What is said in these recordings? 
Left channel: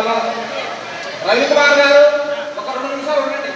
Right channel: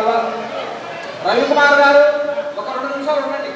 కావాలా? రవికుమార్ గారు ఒక 2 నిమిషాలు ఉండండి.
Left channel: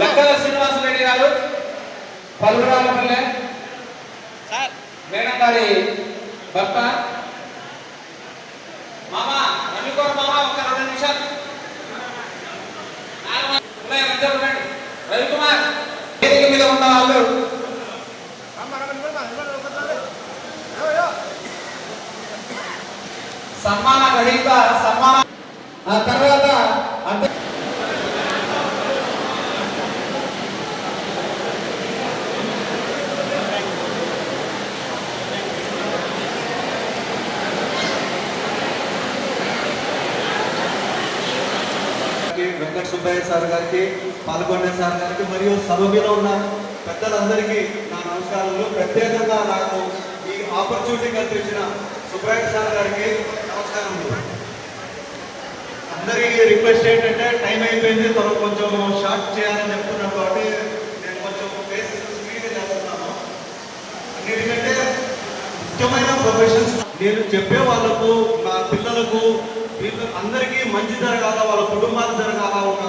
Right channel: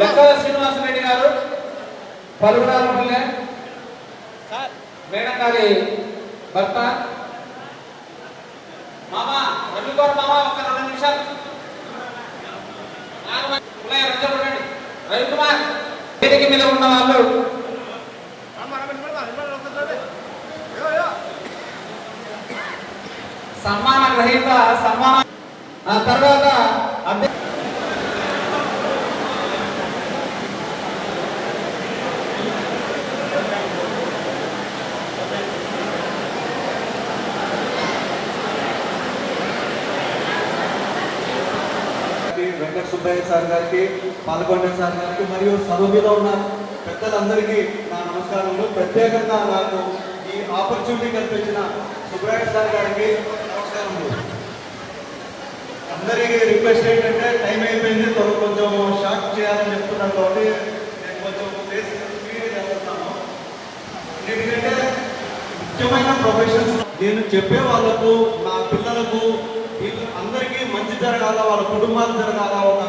లెక్కల శ్రీనివాసరెడ్డి గారు పల్లురాలపల్లె మేడం గారి భర్త మామ రవికుమార్ మామ ఒక 2 నిమిషాలు ఉండండి. రవికుమార్ వేదిక మీద ఉన్న వాళ్ళు సన్మాన గ్రహీత సన్మానం తర్వాత వెంకట సుబ్బయ్య సార్ గారికి, పాల్గొండే సార్ గారికి మరియు సభ మీద ఉన్న పెద్దలందరికీ నా నమస్కారములు. ప్రత్యేకంగా నాకు ఈ ఆపర్చునిటీ కల్పించిన సుబ్బయ్య సార్ గారికి నమస్కారములు. అందరికీ రిక్వెస్ట్ ఏంటంటే టైం అయిపోయింది, మనం కొంచెం షార్ట్ చేయాలని చెప్తున్నాం కాబట్టి నేను కొంచెం ప్లేస్ స్పీడ్ చేస్తున్నాను. ఎందుకంటే ముఖ్యమైన ప్రొఫెషన్స్ నేను చెప్పే వాళ్ళకు, నా పిల్లలకు, అందరికీ మంచి జరగాల, వాళ్ళ కుటుంబాలు జరగాల. ఒక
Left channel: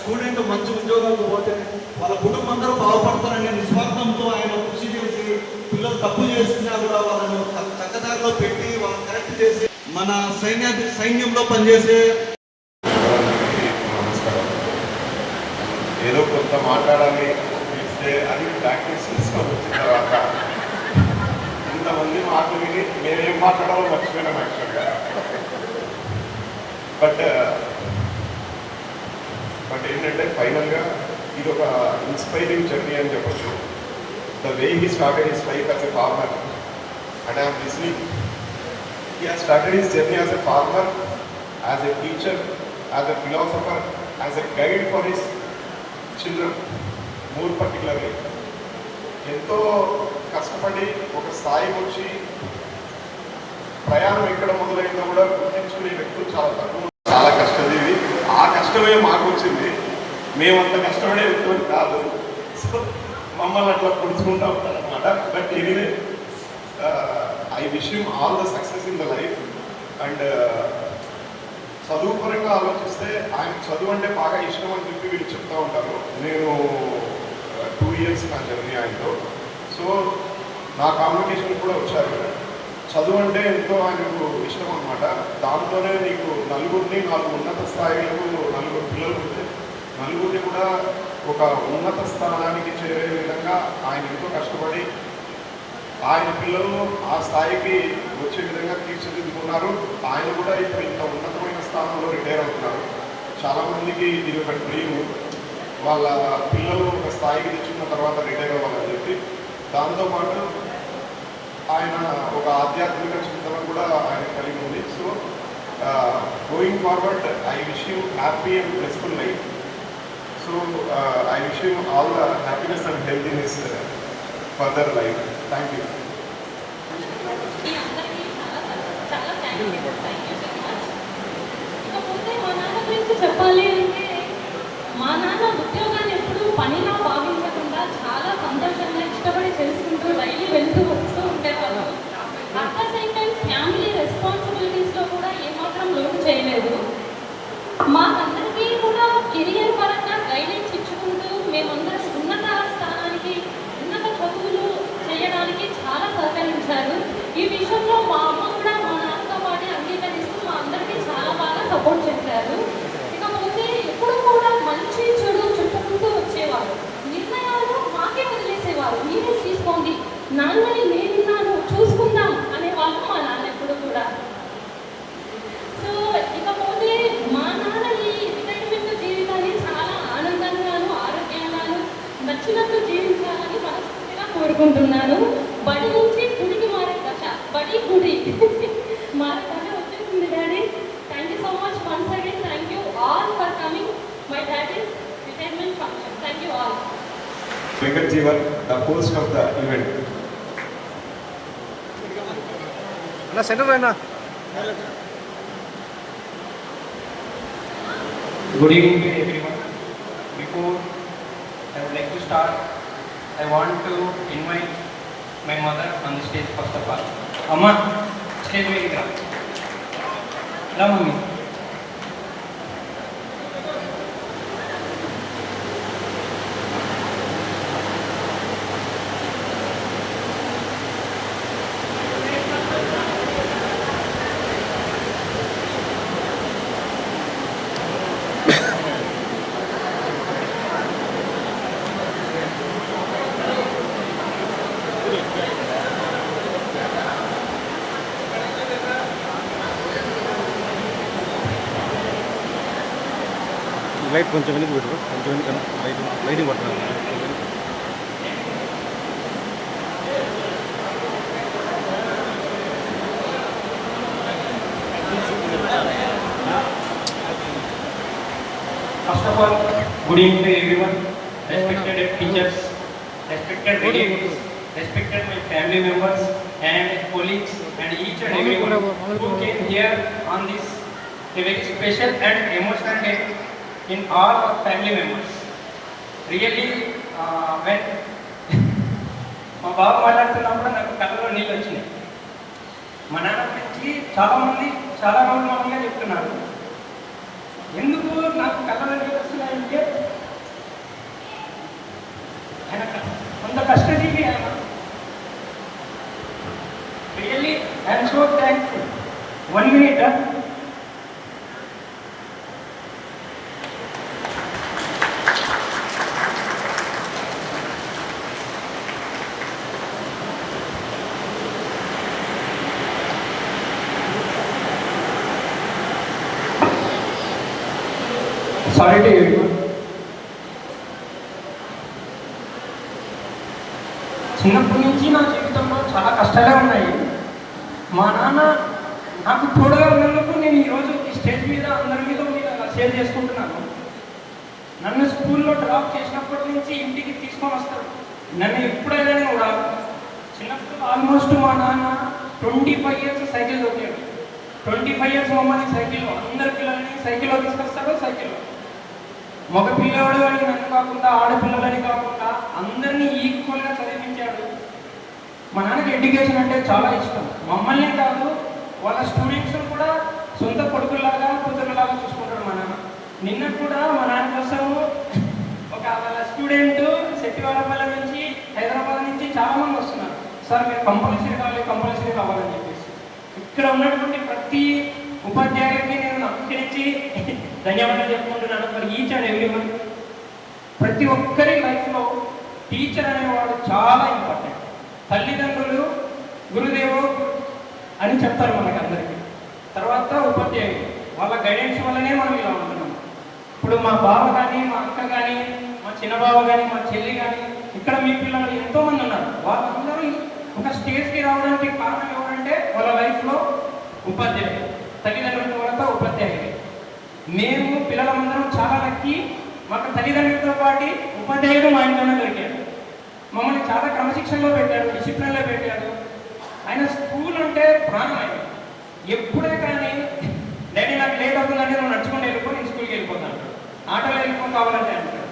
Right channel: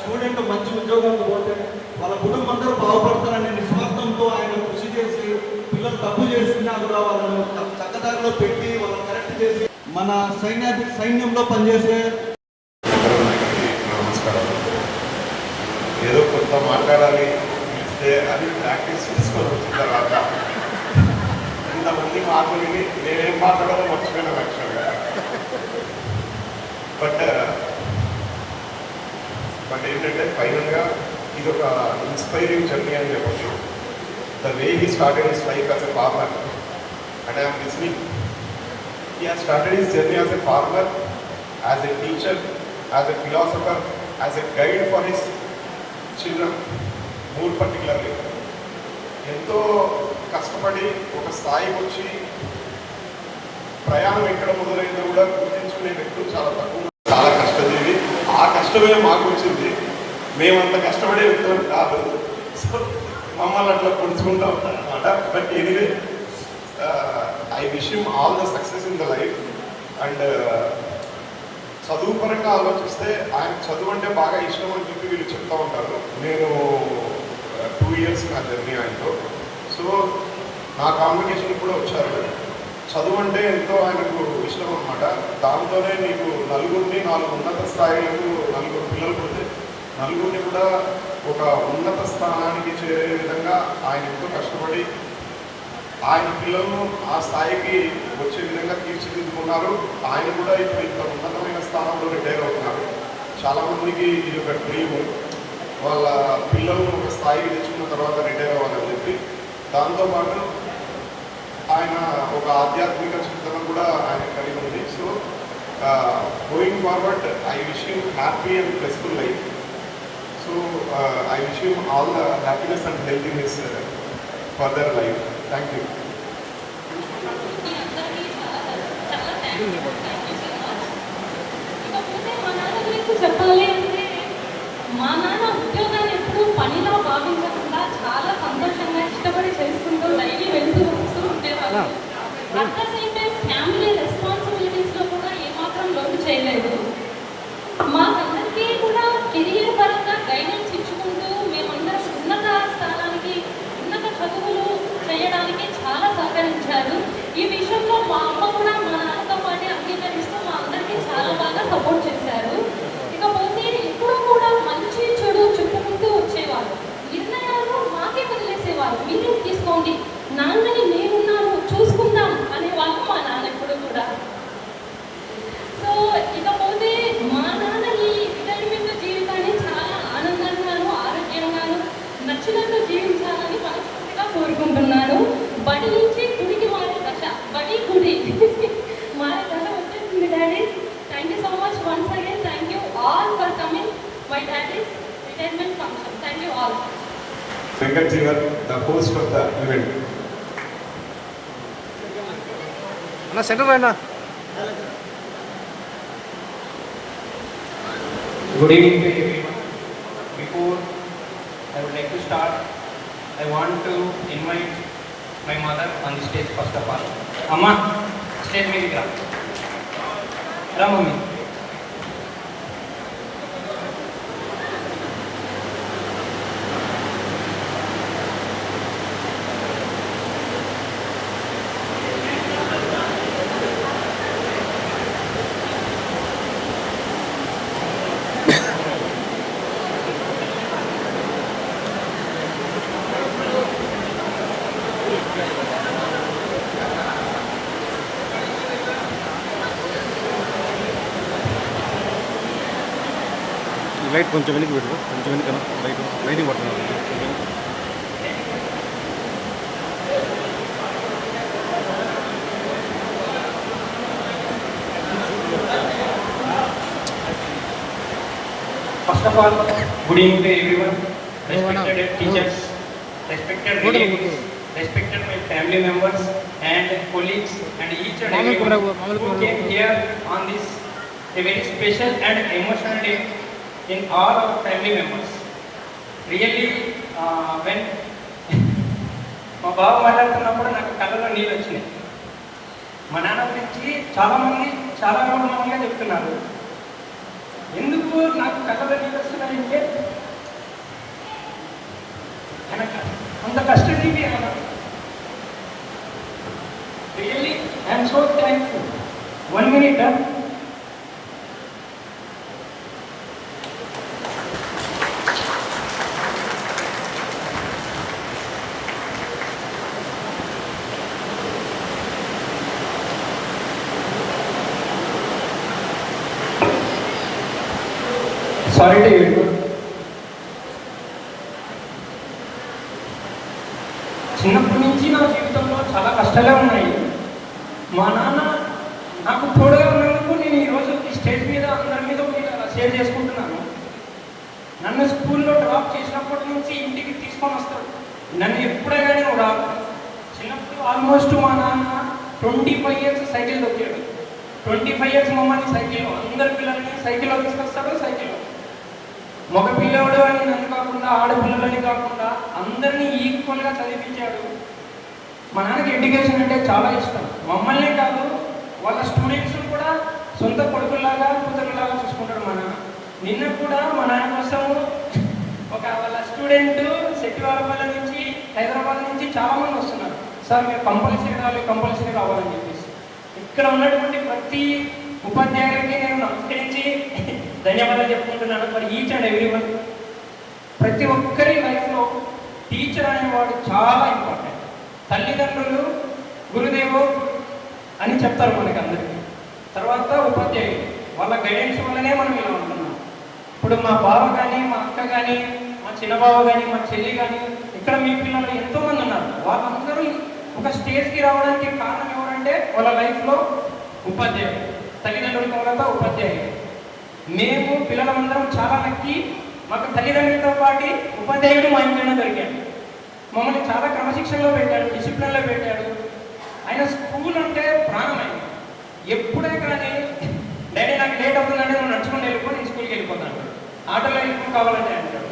స్టూడెంట్ మంచి ఉద్యోగాలకు పోతే వాళ్ళ కుటుంబం అందరూ బాగుపడతారనే నిస్వార్థంతో ఆయన కృషి చేసి పిల్లలు తప్పు చేసినా కూడా వాళ్ళను చక్కదారిలో పెట్టి వాళ్ళని కరెక్ట్ చేసి మన సైన్యంలో పనిచేసే ఏదో కొంత మాట్లాడాలి ఇస్తే అది ప్రాక్టీస్ తీసుకొని వచ్చిన తర్వాత ఇంతమంది మాటలు విని నేనేం మాట్లాడాలో మర్చిపోయినా యాక్చువల్గా. బట్ ఏంటంటే ఫైనల్గా ఇది ఒక ఇన్స్పైరింగ్ జర్నీ అని చెప్పచ్చు. The way he started his life as a farmer and I'm listening. He has started his journey as a farmer, as a teacher, as a philosopher, as a guide for his children. మూడు particularly ఎంతో కష్టపడి ఒక స్థాయికి వచ్చి ప్రయాణం ఎక్కడ మొదలైందో కూడా గుర్తించుకునే వ్యక్తులు చాలా తక్కువ. చాలా కష్టజీవి. ఆ కష్టమే మాకు వచ్చింది. మేమంత కష్టపడే వ్యక్తులు కాదు. సో మమ్మల్ని అట్లా పొడుచుకుంటూ ఉంటాం అనమాట. But anyway I wish you all the success in the life. And చదువు పరంగా ఆలోచిస్తే ఆయన చదువు అంటే బాగా ఇష్టం అని చెప్పి వీళ్ళు చెప్తూ ఉంటారు. నేను 2 years నా జర్నీ ఆయనతో. సో నా కాంపిటీషన్ కూడా వచ్చారు. చదువు అంటే ఎంతో ఆయనకు ఇష్టం అనమాట. దానితోనే నీకు నలుగురిని 4 ఉన్నత స్థాయిలకు 4 పిల్లలు నలుగురిని కూడా ఒక ఉన్నత స్థానానికి చేరే విధంగా ఆయన ఎంతో కష్టపడి ఆయన పిల్లలను ఆ స్థాయికి వచ్చే విధంగా తీర్చిదిద్దుకున్నారు. ఆయన కూడా ఇప్పుడు ఇంత ఉన్నతమైన స్థానంలో రిటైర్ అవుతున్నారు. చాలామందికి ఇది ఒక డ్రీమ్, వాళ్ళ పిల్లలు ఒక స్థాయికి తెచ్చుకున్న తర్వాత రిటైర్ అవ్వాలని చెప్పి. దాంతోపాటు ఆయన ఒక ఆధ్యాత్మిక చింతన కూడా ఆయన కలిగి ఉంది. So going forward I wish you happy and blissful life. So I wish you all the happiness and health in his further life. Thank you. చెప్పాలి అంటే మా నాన్న ఉద్యోగాన్ని ఎప్పుడు పనిలా భావించకుండా చాలా సంతోషంగా ఇష్టపడి చేసుకుంటూ డైలీ వెళ్తూ వస్తూ ఉండేవాళ్ళు. At the same time family రెస్పాన్సిబిలిటీస్లో కూడా ఏమాత్రం లోటు చేయలేదు. మాకందరికీ కూడా కెరియర్ పరంగా గైడెన్స్ ఇచ్చుకుంటూ మేమందరం ఉన్నత స్థానానికి, ఉన్నత చదువులు చేయడానికి చాలా సహకరించారు. ఈ విషయంలో మా అమ్మ కూడా మా నాన్నతో పాటు అంగీకరిస్తూ మా అందరికీ చాలా బాగా సపోర్ట్ చేశారు. ఇకపోతే ఎప్పుడూ కూడా మంచి చెడు చెప్పుకుంటూ వచ్చేవారు. నిర్ణయాలు మాకే వదిలేసేవారు. మీరే తీసుకోండి, నాన్నని నేనున్నాను చూసుకుందాం అనేవాళ్ళు మా నాన్న ఎప్పుడు కూడా. సో ఇకపోతే మా నాన్న ఈ రిటైర్మెంట్ జీవితాన్ని చాలా ఆనందంగాను ఆరోగ్యంగాను నచ్చినట్టు జీవించాలని మనస్ఫూర్తిగా కోరుకుంటున్నాను. బడి నుంచి గుడికి మారే దశ, బడి గుడి మారే దశ వచ్చేసింది daddy. Thank you so much once again. Thank you all for coming my daddy's retirement function. Thank you all. Venkat Jeevan, the host of the event. అన్న సెంటర్ అయినా. Good evening to everyone. Before I would like to start, I want to invite my mother on the stage first of all. Amma, stage media. Hello mummy. Light కొంచెం వెనక్కి పెట్టు, కొంచెం వెనక lighting పడుతుంది. First of all, good evening to everyone, respected teachers, respected relatives, respected my family members and colleagues and each and everyone who came here on this a very special and emotional day in all our family members. Really, when మా బాబు మాట్లాడుతున్నప్పుడు నాకు కళ్ళలో నీళ్ళు వచ్చినాయి. మా నాన్న గురించి చాలామంది చాలా మామూలుగా చెప్తున్నారు. ఎందుకు నాకు కళ్ళలో నీళ్ళు వస్తున్నాయంటే ఆయన అంత కష్టజీవి ఆయన. Really I'm so thankful. 1 minute. Sorry to you. చిన్నప్పటి నుంచి నా జీవితంలో చాలా కష్టాలే ఉన్నాయి. మా నాన్న నాకు తోడుగా ఉన్నందుకు నేను ఈరోజు ఈ స్టేజ్ మీద అందరి మీద చాలా షేర్ చేసుకుంటున్నాను. నన్ను స్కూల్లో డ్రాప్ చేసినప్పటి నుంచి ఇంటికి తీసుకొని వస్తాడు. నన్ను ఎప్పుడైనా నేను రాదు. చిన్నప్పుడు ఆల్మోస్ట్ మా నాన్న 25 years సైకిల్ తొక్కాడు. 25 years మమ్మల్ని సైకిల్, అందరి పిల్లల్ని సైకిల్లో తీసుకొస్తాడు. సైకిల్ మగ పిల్లవాడు అని నన్ను కాకుండా, ఆడపిల్లలని కాకుండా అందరినీ ఈక్వల్గా చదివించాడు. మా నాన్నకి ఎడ్యుకేషన్ అంటే చాలా ఇష్టం. మమ్మల్నే కాదు, వాళ్ళ స్టూడెంట్స్ కూడా సొంత కొడుకులాగా, కూతురులాగా చూసుకుంటాడు మా నాన్న. నిన్న కూడా మా నాన్న కోసం ఒక వాళ్ళ స్టూడెంట్ శెట్టివారపల్లి నుంచి, హైదరాబాద్ నుంచి చాలామంది వస్తున్నారు. సార్ మీరు కంపల్సరీ రావాలని చెప్పేసి ఇక్కడ ఉన్నటువంటి ప్రతి ఉపాధ్యాయులకి నేను నమస్కరించి ధన్యవాదాలు చెప్పుకుంటున్నాను. For each and every one. ప్రతి ఒక్కరి లైఫ్లో టీచర్ అనేవాడు చాలా ఇంపార్టెంట్. తల్లిదండ్రులు గురుదేవో అని చెప్తారు మనకందరికీ. తర్వాత ఉపాధ్యాయులు, వాళ్ళ గైడెన్స్ వల్లనే మనం ఇలా ఉంటున్నాం. ఇప్పుడు మా బావ కానీ, మా అక్క కానీ, మా చిన్నబావ కానీ, మా చెల్లి కానీ, ఇక్కడ మీ పిల్లలు ఎంతోమంది ఉన్నారు. వాళ్ళందరూ ఒక స్టేజ్కి రావడానికి కారణం ఏమంటే వాళ్ళ లైఫ్లో ఉపాధ్యాయులు, తల్లిదండ్రుల తర్వాత ఉపాధ్యాయులు. మేము పిల్లలందరం చాలా లక్కీ. మాకు తల్లిదండ్రులతో పాటు ఉపాధ్యాయుడు మా ఇంట్లోనే దొరికాడు. మమ్మల్ని చాలా క్రమశిక్షణలో పెట్టాడు, డిసిప్లిన్లో పెట్టాడు. ఆయన స్కూల్ అంటే ప్రాణం. ఆయన ఎప్పుడే కానీ డాడీ నాకు లేట్ అవుతుందంటే నన్ను నడుచుకుని వెళ్ళిపో, నేను స్కూల్కి వెళ్ళిపోతాను, ఆటోలో వెళ్ళిపో కావాలంటే అంటాడు.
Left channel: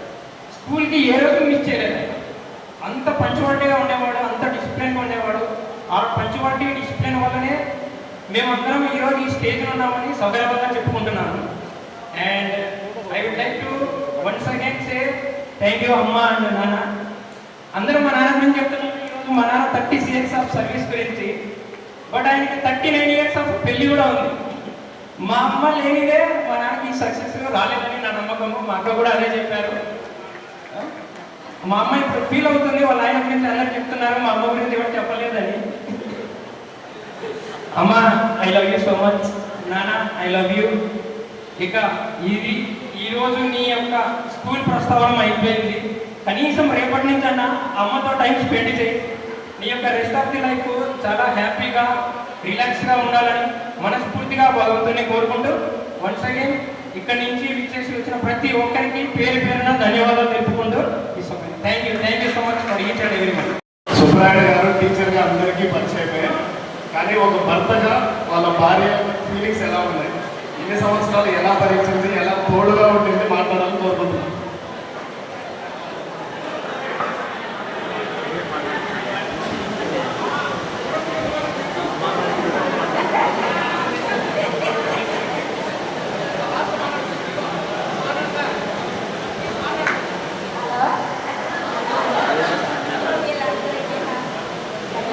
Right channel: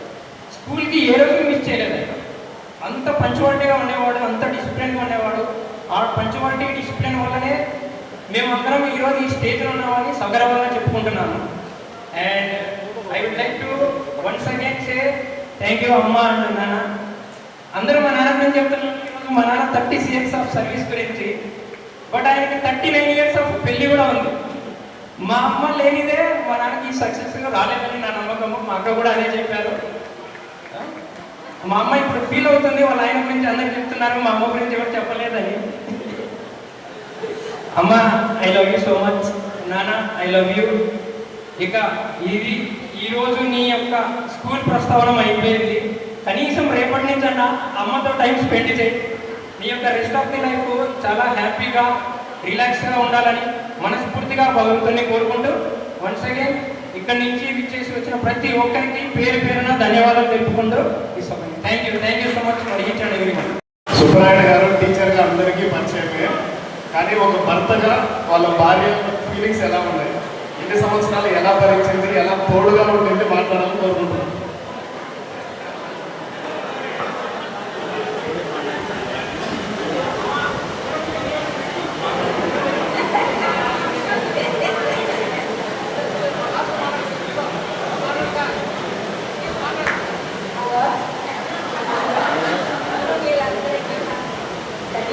స్కూల్కి ఏ రోజు మిస్ చేయలేదు. అంత పంచువాటిగా ఉండేవాడు, అంత డిసిప్లిన్గా ఉండేవాడు. ఆ పంచువాటి డిసిప్లిన్ వల్లనే మేమందరం ఈరోజు ఈ స్టేజ్లో ఉన్నామని సగర్వంగా చెప్పుకుంటున్నాను. And I would like to once again say thank you అమ్మ అండ్ నాన్న. అందరూ మా నాన్న గురించి చెప్తున్నాను. ఈరోజు మా నాన్న 30 years ఆఫ్ సర్వీస్ గురించి, బట్ ఆయనకి 39 years ఆఫ్ పెళ్లి కూడా ఉంది. మా అమ్మ లేనిదే మా నాన్నకి సక్సెస్ రాలేదని నా నమ్మకము. మా అక్క కూడా అదే చెప్పారు. మా అమ్మ ఇప్పుడు ఫీల్ అవుతుంది, వాళ్ళ ఆయన గురించి అందరికి చెప్తున్నారు, మా అమ్మ గురించి ఎవరు చెప్పలేదని. అమ్మ I love you so much. నాన్న ఐ లవ్ యూ. ఇక ఈరోజు నీ యొక్క స్కూల్ ప్రస్తావన అయిపోయింది. కనీసం రేపటి నుంచి అన్న అమ్మతో టైం స్పెండ్ చేయి. నీ యొక్క రెస్ట్ ఆఫ్ ది లైఫ్ చాలా హ్యాపీగా, రిలాక్స్గా ఉండాలని మనస్ఫూర్తిగా భగవంతుని కోరుకుంటూ వన్స్ అగైన్ ఇక్కడి నుంచి విచ్చేసి వచ్చిన ప్రతి ఒక్కరికి పేరు పేరున ధన్యవాదాలు తెలుపుకుంటూ ఈ సమయం. Thank you so much for each and every one. Subbarayudu గారు టీచర్గా అందరికీ పరిచయం అయిపోయారు. కానీ ఒక భర్తగా వాళ్ళ భార్య ఫీలింగ్స్ ఎలా ఉన్నాయి, ఎన్ని సంవత్సరాలు ఎలా భరించింది, ఎలా తోడుగా ఉండింది మాట్లాడాలని కోరుకుంటున్నాను.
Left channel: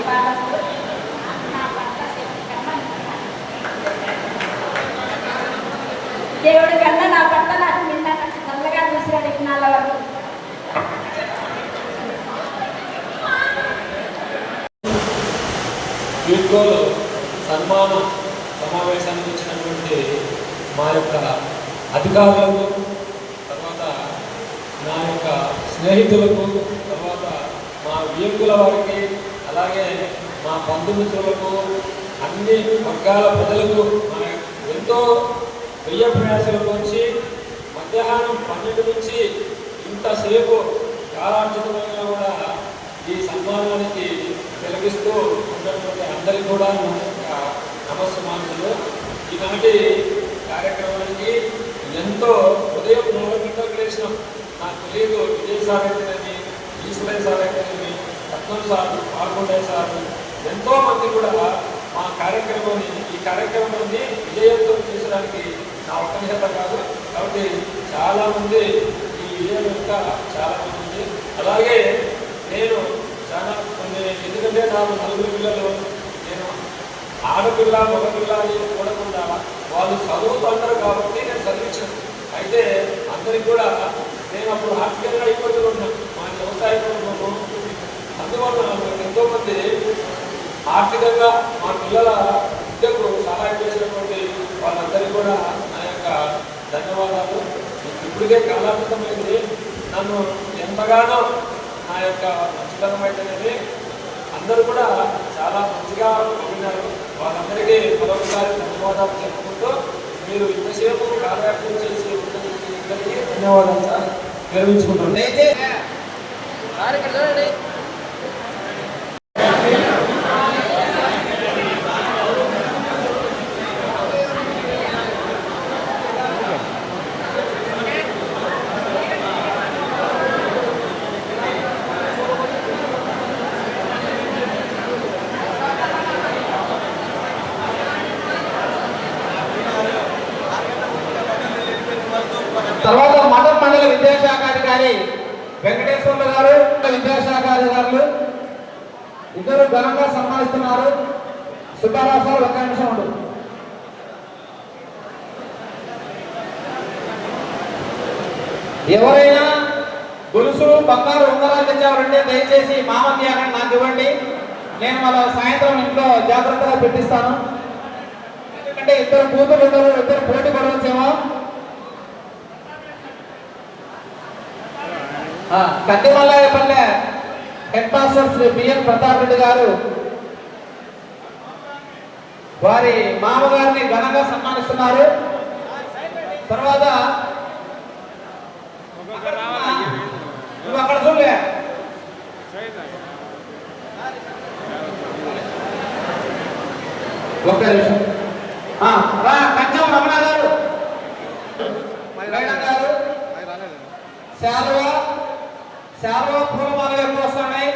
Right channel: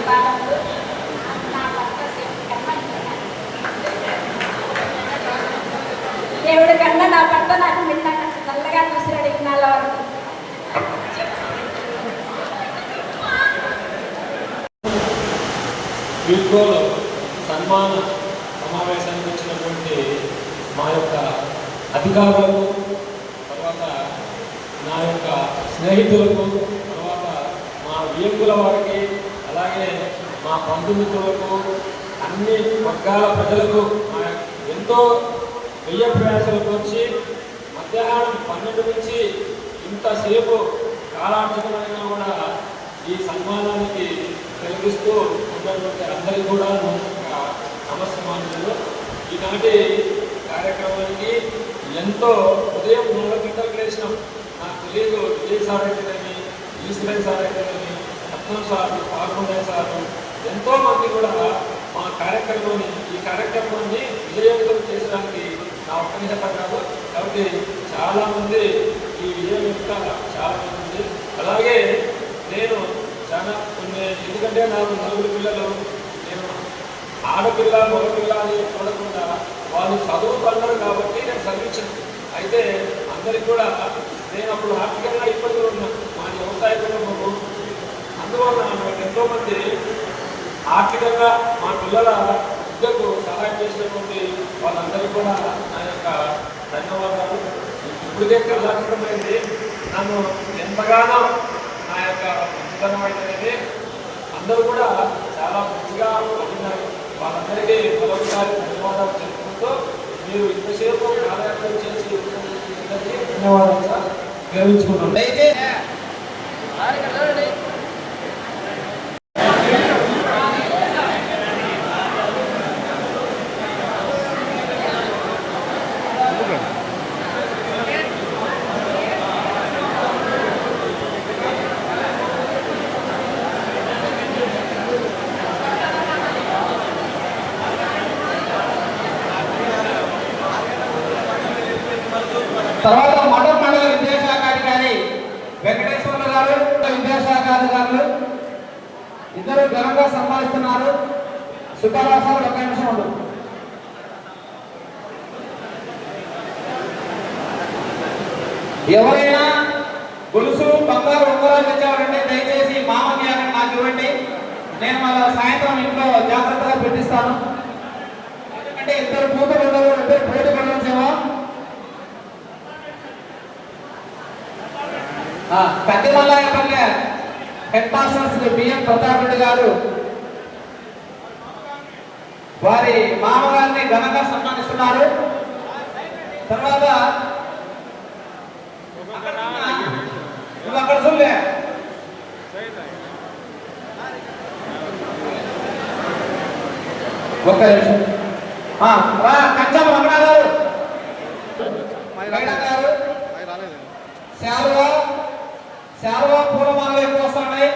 శుభాకాంక్షలు. నా భర్త దేవుడి కన్నా నా భర్త నాకు నిన్న నల్లగా చూసినాడు ఇన్నాళ్ళ వరకు. యూత్లో సన్మాన సమావేశానికి వచ్చినటువంటి మా యొక్క అధికారులకు, తర్వాత నా యొక్క స్నేహితులకు, తర్వాత మా వ్యక్తుల వారికి, అలాగే మా బంధుమిత్రులకు, అన్ని వర్గాల ప్రజలకు ఎంతో వెయ్య ప్రయాసాలు పోసి మధ్యాహ్నం 12 నుంచి ఇంతసేపు కాలాంతరమైనా కూడా ఈ సన్మానానికి తొలగిస్తూ ఉన్నటువంటి అందరికీ కూడా నమస్కారాలు. ఈనాటి కార్యక్రమానికి ఎంతో ఉదయం 4 గంటలకు లేచినాం. నాకు తెలియదు విజయ్ సార్ అయితేనేమి, ఈశ్వరయ్య సార్ అయితేనేమి, రత్నం సార్, కాకుండా సార్ ఎంతోమంది కూడా మా ఈ కార్యక్రమాన్ని విజయవంతం చేయడానికి నా ఒక్కనిహత కాదు. కాబట్టి చాలామంది ఈ విజయం యొక్క చాలామంది ఉంది. అలాగే నేను చాలా ఎందుకంటే నాకు 4 పిల్లలు, నేను ఆడపిల్ల మగపిల్ల అని చూడకుండా వాళ్ళు చదువుతున్నారు కాబట్టి నేను చదివించాను. అయితే అందరికి కూడా నేను అప్పుడు ఆర్థికంగా అయిపోతూ ఉన్నాను, మా వ్యవసాయ కుటుంబము. అందువల్ల నాకు ఎంతోమంది ఆర్థికంగా మా పిల్లల విద్యకు సహాయం చేసినటువంటి వాళ్ళందరికీ కూడా నా యొక్క ధన్యవాదాలు. ఇప్పటికే కాలాతీతమైంది. నన్ను ఎంతగానో నా యొక్క మంచితనం అయితేనేది అందరూ కూడా చాలా మంచిగా ఉన్నారు. వాళ్ళందరికీ మరొకసారి ధన్యవాదాలు చెప్పుకుంటూ మీరు ఇంతసేపు కార్యక్రమం చేసి అందరికీ ధన్యవాదాలు సార్ విరమించుకుంటున్నాను. తర్వాత మఠం మండల విద్యాశాఖ అధికారి వెంకటేశ్వర్లు గారు, విద్యాశాఖ అధికారులు ఇద్దరు ఘనంగా సన్మానిస్తున్నారు. సుబ్బారావు ఒక నిమిషం ఉండు. ఎవరైనా గొలుసులు బంగారు ఉంగరాలు తెచ్చేవారంటే దయచేసి మామని అని నాకు ఇవ్వండి. నేను మన సాయంత్రం ఇంట్లో జాగ్రత్తగా పెట్టిస్తాను. ఎందుకంటే ఇద్దరు కూతురు ఇద్దరు పోటీ పడవచ్చేమో. Kattivallapalle head master Shri BM Pratap Reddy గారు వారి మామగారిని ఘనంగా సన్మానిస్తున్నారు. తర్వాత నువ్వు అక్కడ చూడలే ఒక్క నిమిషం. కంచం రమణ గారు, శాల్వా పూలమాలలు ఎక్కువ వస్తున్నాయి.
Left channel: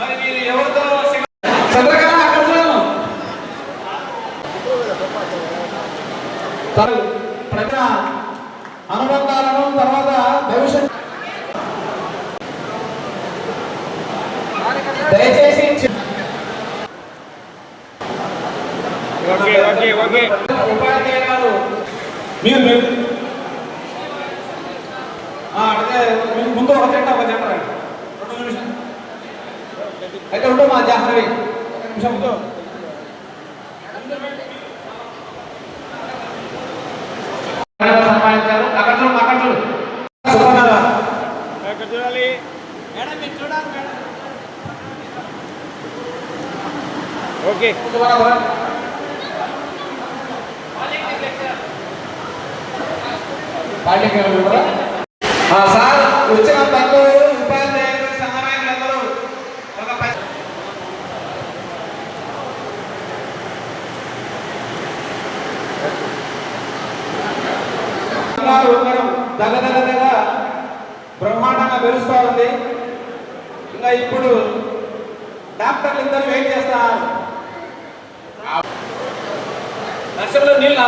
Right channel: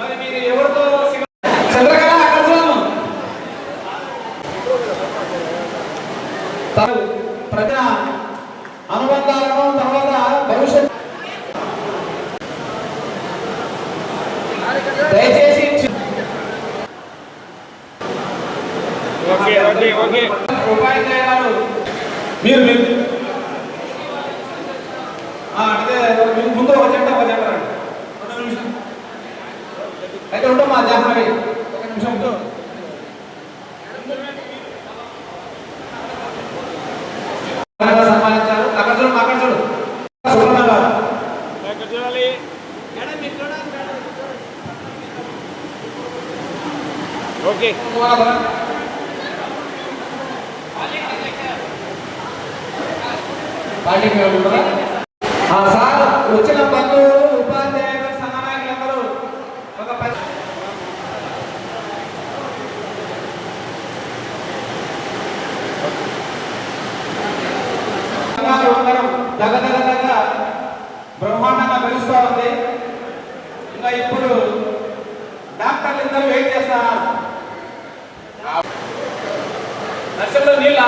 మరి మీరు ఎవరితో ప్రజల అనుబంధాలను తర్వాత భవిష్యత్ దయచేసి ఉపాధ్యాయ గారు మీరు అంటే ముందు ఒక జంట చెప్పండి. 2 నిమిషాలు అయితే ఉండవు మా జాహ్నవి 1 నిమిషంతో సన్మానించారు. అక్కడ చూడు. ఓకే కార్యక్రమం కూడా సార్ వచ్చిన బంధువులు ఉపాధ్యాయులు సహాయకులందరూ ఒక ఉండడం తెల్లదెల్లగా బ్రహ్మాండంగా వెలుస్తోంది. ఇంకా ఇప్పుడు డాక్టర్లు ఇద్దరు వెయిట్ చేస్తున్నారు. నర్సులు నీళ్ళ